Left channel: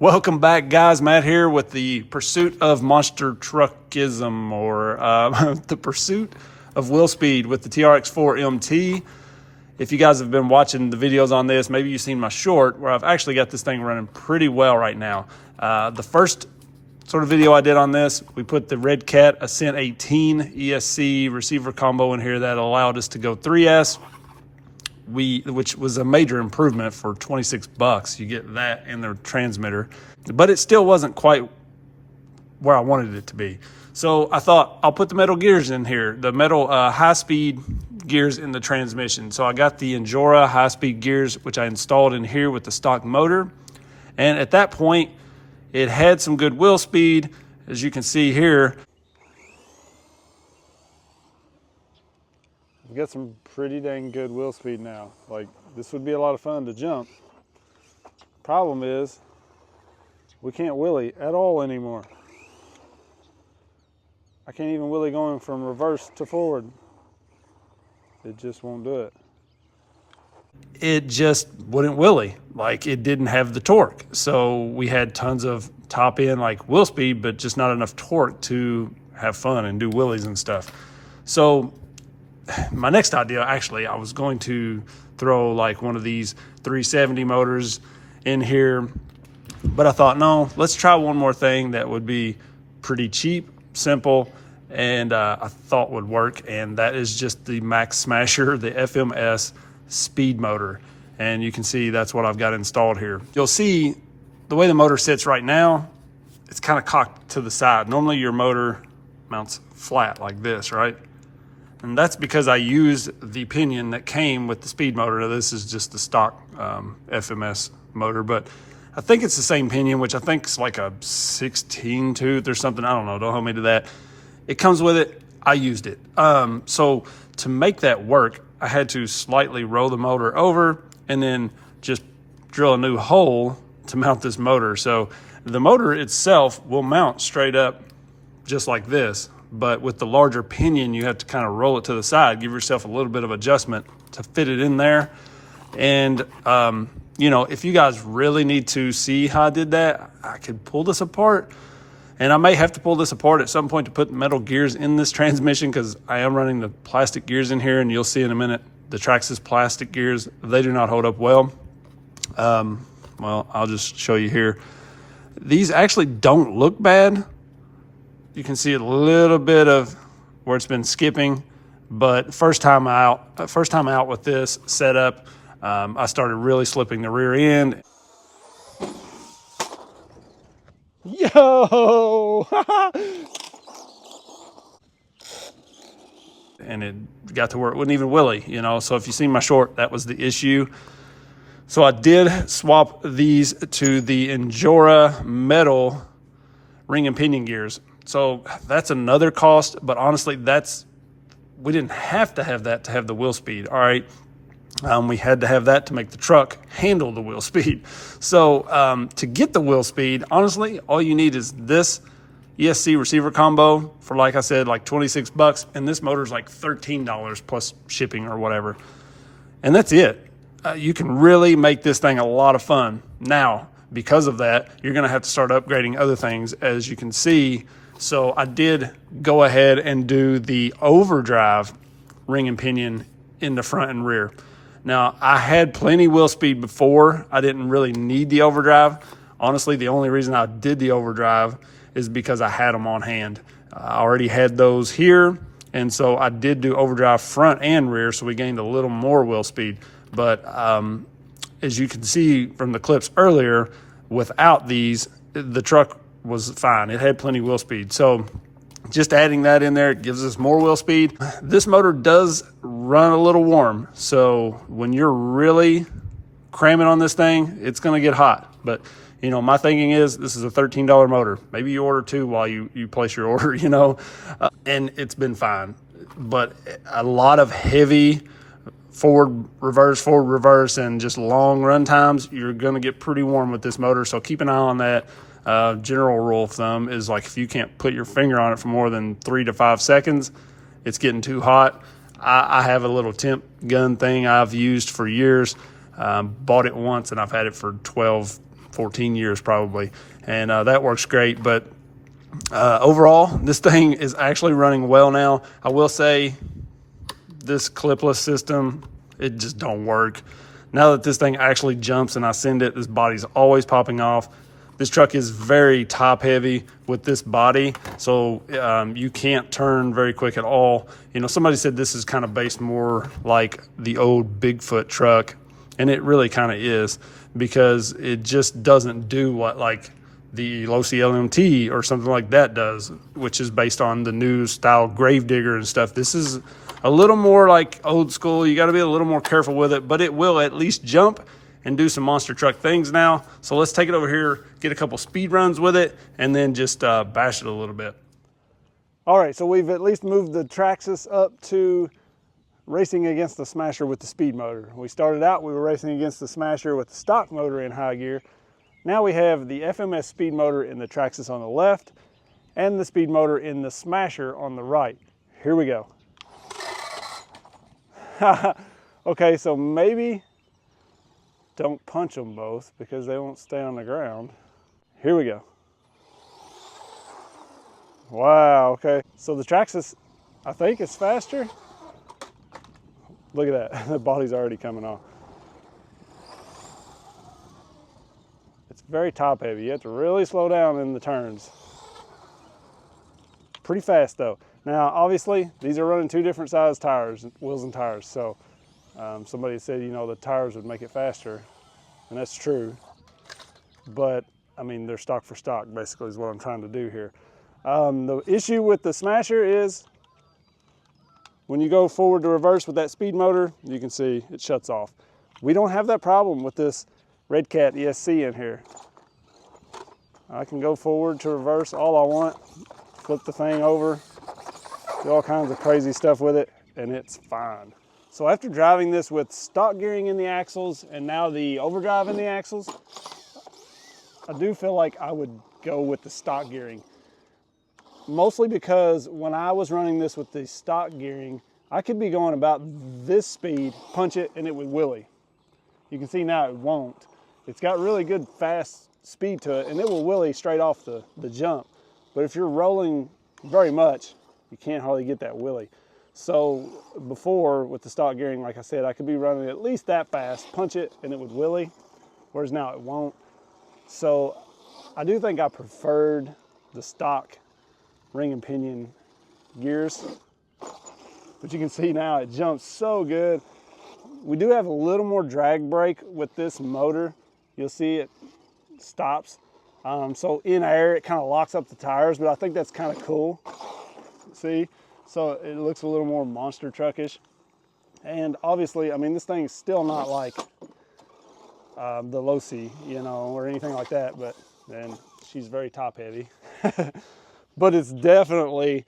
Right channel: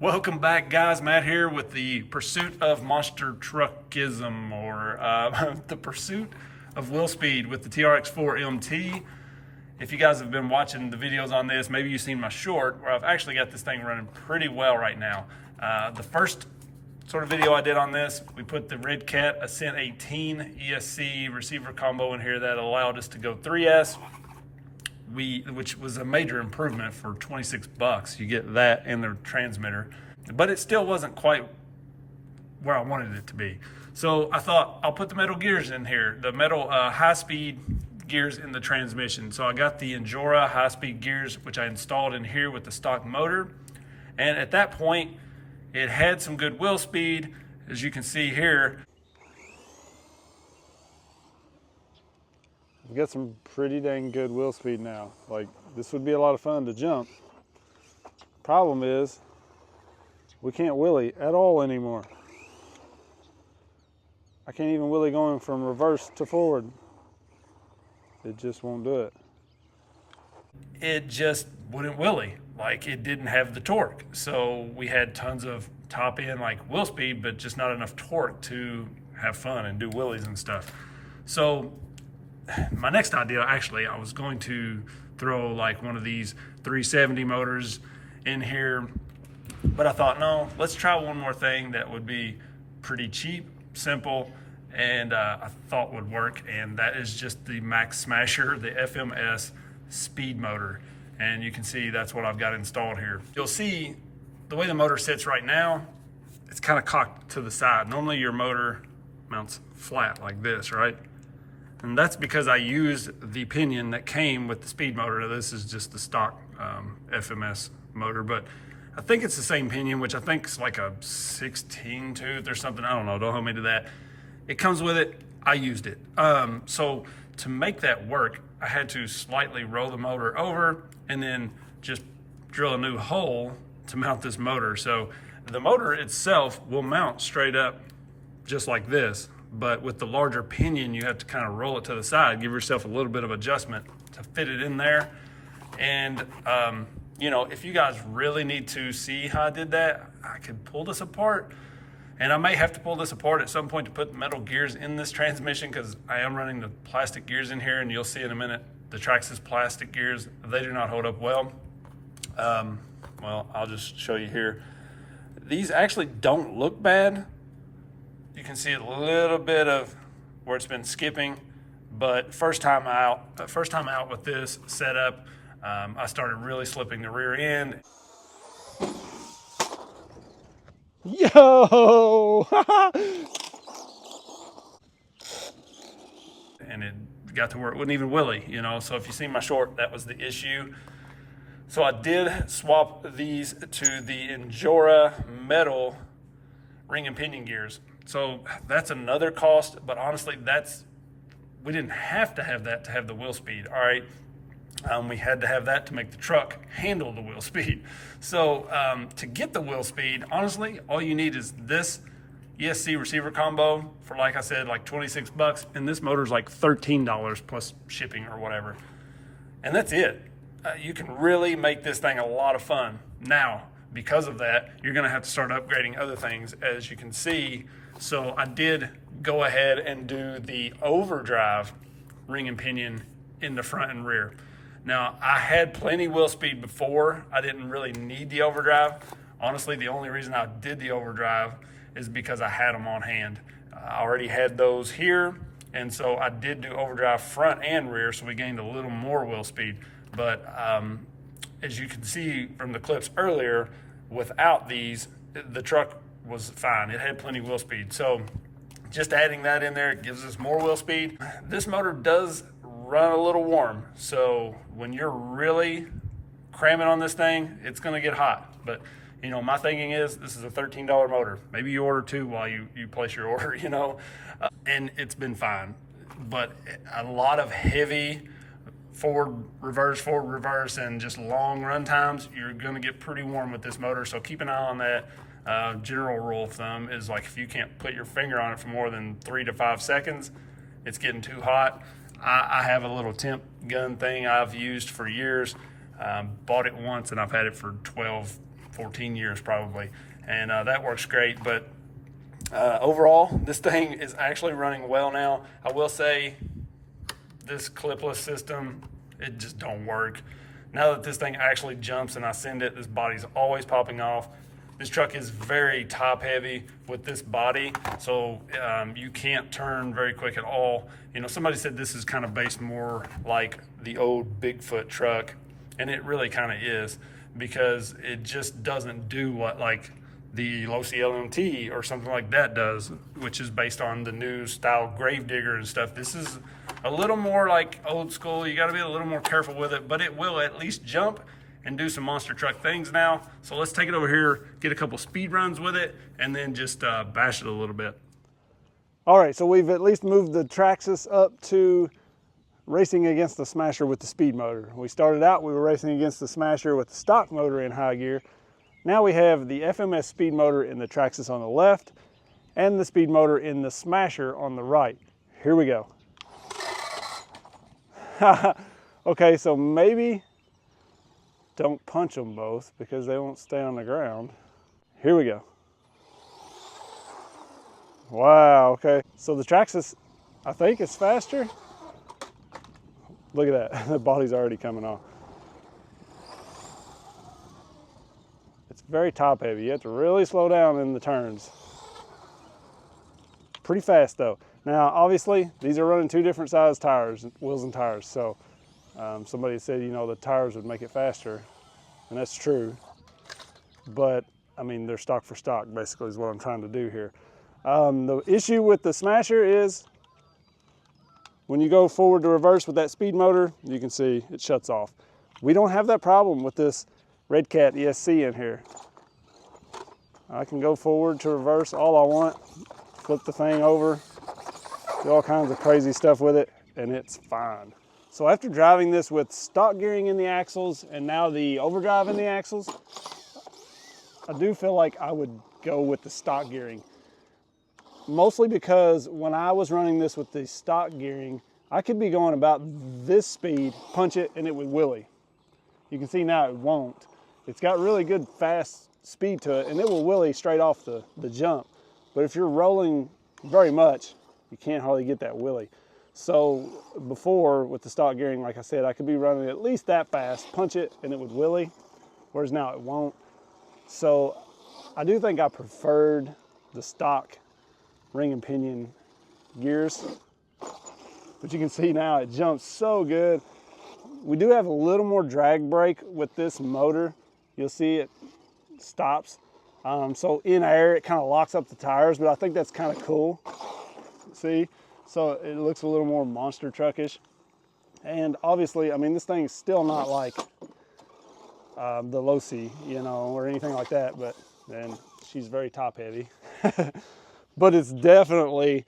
Welcome back, guys. Matt here with the pursuit of monster truckism, or the pursuit of wheel speed with the TRX4MT. If you guys have been watching the videos on this, maybe you've seen my short where I've actually got this thing running pretty well right now. The first sort of video I did on this, we put the Redcat Ascent18 ESC receiver combo in here that allowed us to go 3S. Which was a major improvement for 26 bucks. You get that and their transmitter, but it still wasn't quite where I wanted it to be. So I thought I'll put the metal gears in here, the metal high-speed gears in the transmission. So I got the Injora high-speed gears, which I installed in here with the stock motor. And at that point, it had some good wheel speed, as you can see here. We've got some pretty dang good wheel speed now. Like, this would be a lot of fun to jump. Problem is, we can't wheelie at all anymore. I can't even wheelie going from reverse to forward. It just won't do it. It just wouldn't wheelie. Like, it didn't have the torque. So we had tons of top end like wheel speed, but just not enough torque to have fun and do wheelies and stuff. So my next idea, actually, I was going to throw like one of these 370 motors in here, but I thought, no, let's try one more thing that would be pretty cheap, simple, and I thought would work, and that is just the Max Smasher, the FMS Speed Motor. And you can see that's what I've got installed here. You'll see the way the motor sits right now, it's kind of cocked to the side. Normally your motor mounts flat like this, right? And that's because I used the pinion that came with the speed motor. This is just the stock FMS motor, but I think it's the same pinion, which I think is like a 16 tooth or something. I don't know, don't hold me to that. It comes with it, I used it. So to make that work, I had to slightly roll the motor over and then just drill a new hole to mount this motor. So the motor itself will mount straight up just like this. But with the larger pinion, you have to kind of roll it to the side, give yourself a little bit of adjustment to fit it in there. And, you know, if you guys really need to see how I did that, I could pull this apart. And I may have to pull this apart at some point to put metal gears in this transmission, because I am running the plastic gears in here, and you'll see in a minute, the Traxxas plastic gears, they do not hold up well. Well, I'll just show you here. These actually don't look bad. You can see a little bit of where it's been skipping, but first time out with this setup, I started really slipping the rear end. Yo! And it got to where it wouldn't even wheelie, you know? So if you see my short, that was the issue. So I did swap these to the Injora metal ring and pinion gears. So that's another cost, but honestly, we didn't have to have that to have the wheel speed, all right? We had to have that to make the truck handle the wheel speed. So to get the wheel speed, honestly, all you need is this ESC receiver combo for, like I said, like 26 bucks, and this motor's like $13 plus shipping or whatever. And that's it. You can really make this thing a lot of fun. Now, because of that, you're gonna have to start upgrading other things, as you can see. So I did go ahead and do the overdrive ring and pinion in the front and rear. Now, I had plenty wheel speed before. I didn't really need the overdrive. Honestly, the only reason I did the overdrive is because I had them on hand. I already had those here, and so I did do overdrive front and rear, so we gained a little more wheel speed. But as you can see from the clips earlier, without these, the truck was fine. It had plenty of wheel speed. So just adding that in there, it gives us more wheel speed. This motor does run a little warm. So when you're really cramming on this thing, it's gonna get hot. But you know, my thinking is this is a $13 motor. Maybe you order two while you place your order, you know, and it's been fine. But a lot of heavy forward, reverse, and just long run times, you're gonna get pretty warm with this motor. So keep an eye on that. General rule of thumb is, like, if you can't put your finger on it for more than 3 to 5 seconds, it's getting too hot. I have a little temp gun thing I've used for years. Bought it once and I've had it for 12, 14 years probably, and that works great. But overall, this thing is actually running well now. I will say this clipless system, it just don't work. Now that this thing actually jumps and I send it, this body's always popping off. This truck is very top heavy with this body, so you can't turn very quick at all. You know, somebody said this is kind of based more like the old Bigfoot truck, and it really kind of is, because it just doesn't do what like the Losi LMT or something like that does, which is based on the new style Gravedigger and stuff. This is a little more like old school. You got to be a little more careful with it, but it will at least jump and do some monster truck things now. So let's take it over here, get a couple speed runs with it, and then just bash it a little bit. All right, so we've at least moved the Traxxas up to racing against the Smasher with the speed motor. We started out, we were racing against the Smasher with the stock motor in high gear. Now we have the FMS Speed Motor in the Traxxas on the left and the speed motor in the Smasher on the right. Here we go. Okay, so maybe don't punch them both because they won't stay on the ground. Here we go. Wow, okay. So the Traxxas, I think, is faster. Look at that, the body's already coming off. It's very top heavy. You have to really slow down in the turns. Pretty fast though. Now, obviously, these are running two different size tires, wheels and tires. So somebody said, you know, the tires would make it faster, and that's true. But I mean, they're stock for stock, basically, is what I'm trying to do here. The issue with the Smasher is when you go forward to reverse with that speed motor, you can see it shuts off. We don't have that problem with this Redcat ESC in here. I can go forward to reverse all I want, flip the thing over, do all kinds of crazy stuff with it, and it's fine. So after driving this with stock gearing in the axles and now the overdrive in the axles, I do feel like I would go with the stock gearing. Mostly because when I was running this with the stock gearing, I could be going about this speed, punch it, and it would wheelie. You can see now it won't. It's got really good fast speed to it, and it will wheelie straight off the jump. But if you're rolling very much, you can't hardly get that wheelie. So before, with the stock gearing, like I said, I could be running at least that fast, punch it, and it would wheelie, whereas now it won't. So I do think I preferred the stock ring and pinion gears. But you can see now it jumps so good. We do have a little more drag brake with this motor. You'll see it stops. So in air, it kind of locks up the tires, but I think that's kind of cool. See? So it looks a little more monster truckish. And obviously, I mean, this thing's still not like the Losi, you know, or anything like that, but then she's very top heavy. But it's definitely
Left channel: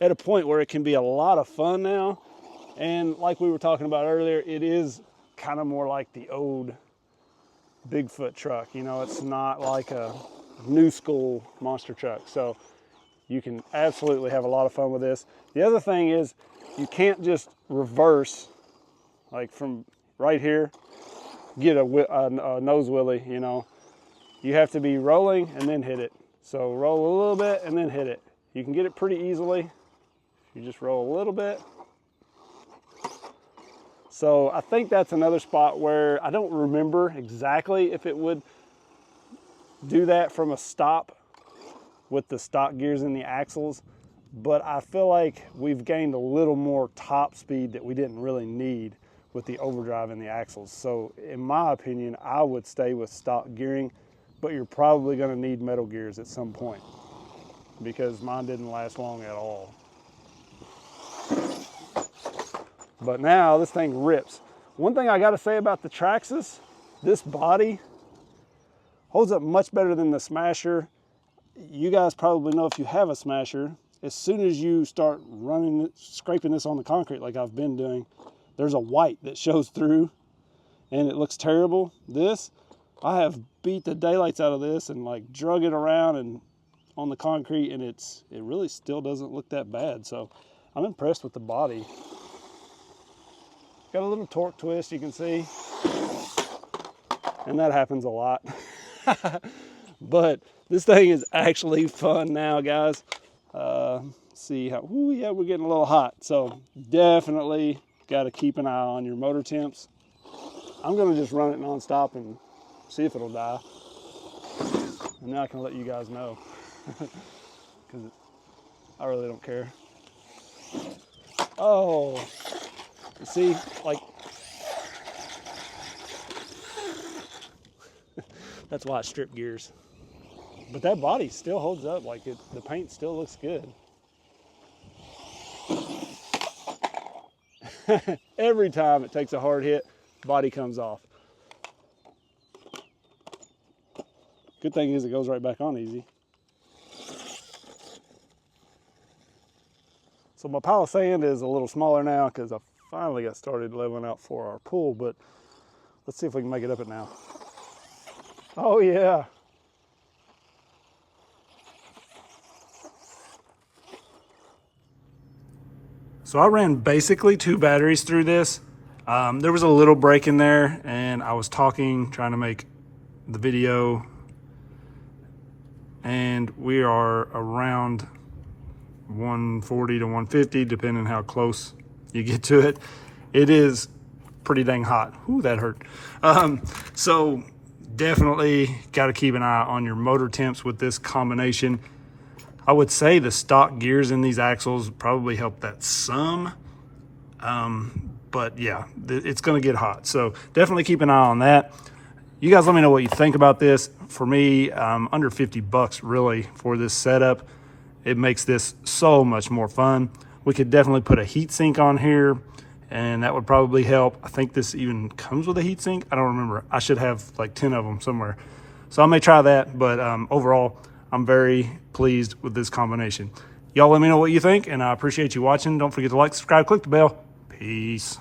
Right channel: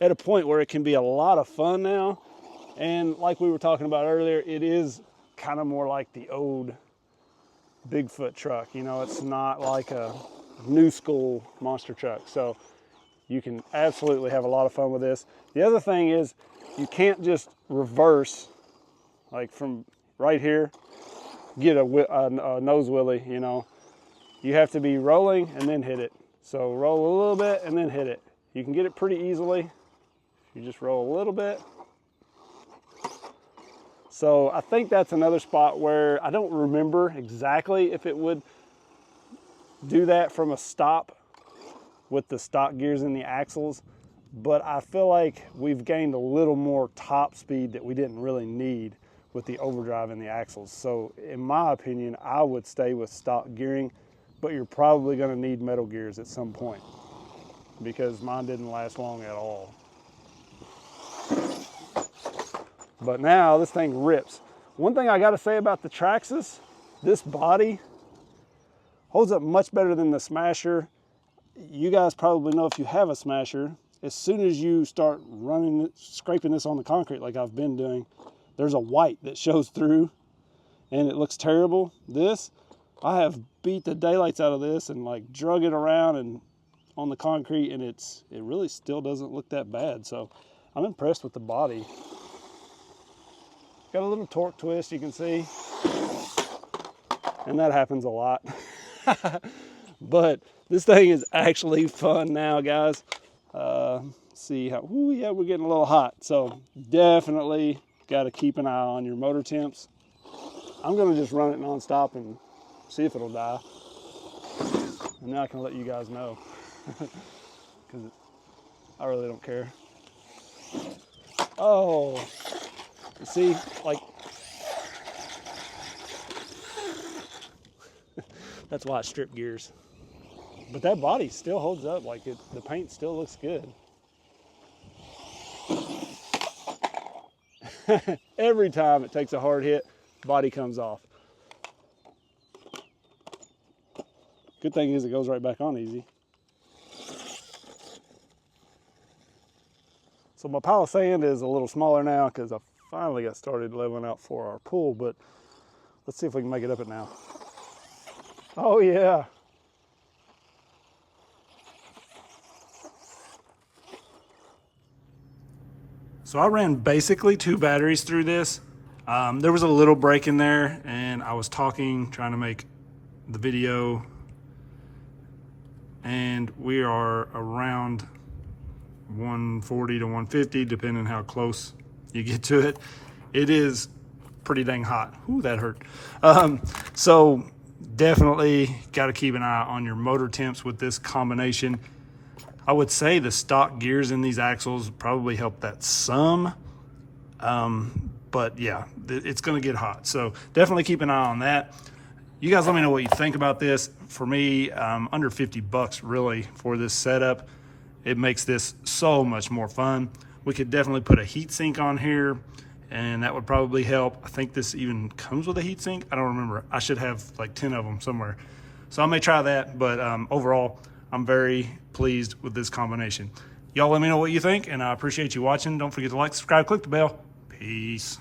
at a point where it can be a lot of fun now. And like we were talking about earlier, it is kind of more like the old Bigfoot truck. You know, it's not like a new school monster truck. So you can absolutely have a lot of fun with this. The other thing is you can't just reverse like from right here, get a nose wheelie, you know. You have to be rolling and then hit it. So roll a little bit and then hit it. You can get it pretty easily. You just roll a little bit. So I think that's another spot where I don't remember exactly if it would do that from a stop with the stock gears in the axles, but I feel like we've gained a little more top speed that we didn't really need with the overdrive in the axles. So in my opinion, I would stay with stock gearing, but you're probably going to need metal gears at some point because mine didn't last long at all. But now this thing rips. One thing I got to say about the Traxxas, this body holds up much better than the Smasher. You guys probably know if you have a Smasher, as soon as you start running, scraping this on the concrete like I've been doing, there's a white that shows through and it looks terrible. This, I have beat the daylights out of this and like drug it around and on the concrete, and it really still doesn't look that bad. So I'm impressed with the body. Got a little torque twist, you can see, and that happens a lot. But this thing is actually fun now, guys. See how, ooh, yeah, we're getting a little hot. So definitely got to keep an eye on your motor temps. I'm going to just run it nonstop and see if it'll die. And then I can let you guys know. Because I really don't care. Oh, see, like, that's why I strip gears. But that body still holds up, like the paint still looks good. Every time it takes a hard hit, body comes off. Good thing is it goes right back on easy. So my pile of sand is a little smaller now because I finally got started leveling out for our pool, but let's see if we can make it up it now. Oh yeah. So I ran basically 2 batteries through this. There was a little break in there and I was talking, trying to make the video, and we are around 140 to 150, depending how close you get to it. It is pretty dang hot. Ooh, that hurt. So definitely got to keep an eye on your motor temps with this combination. I would say the stock gears in these axles probably help that some. But yeah, it's going to get hot. So definitely keep an eye on that. You guys let me know what you think about this. For me, under 50 bucks really for this setup. It makes this so much more fun. We could definitely put a heat sink on here and that would probably help. I think this even comes with a heat sink. I don't remember. I should have like 10 of them somewhere. So I may try that, but overall, I'm very pleased with this combination. Y'all let me know what you think, and I appreciate you watching. Don't forget to like, subscribe, click the bell. Peace.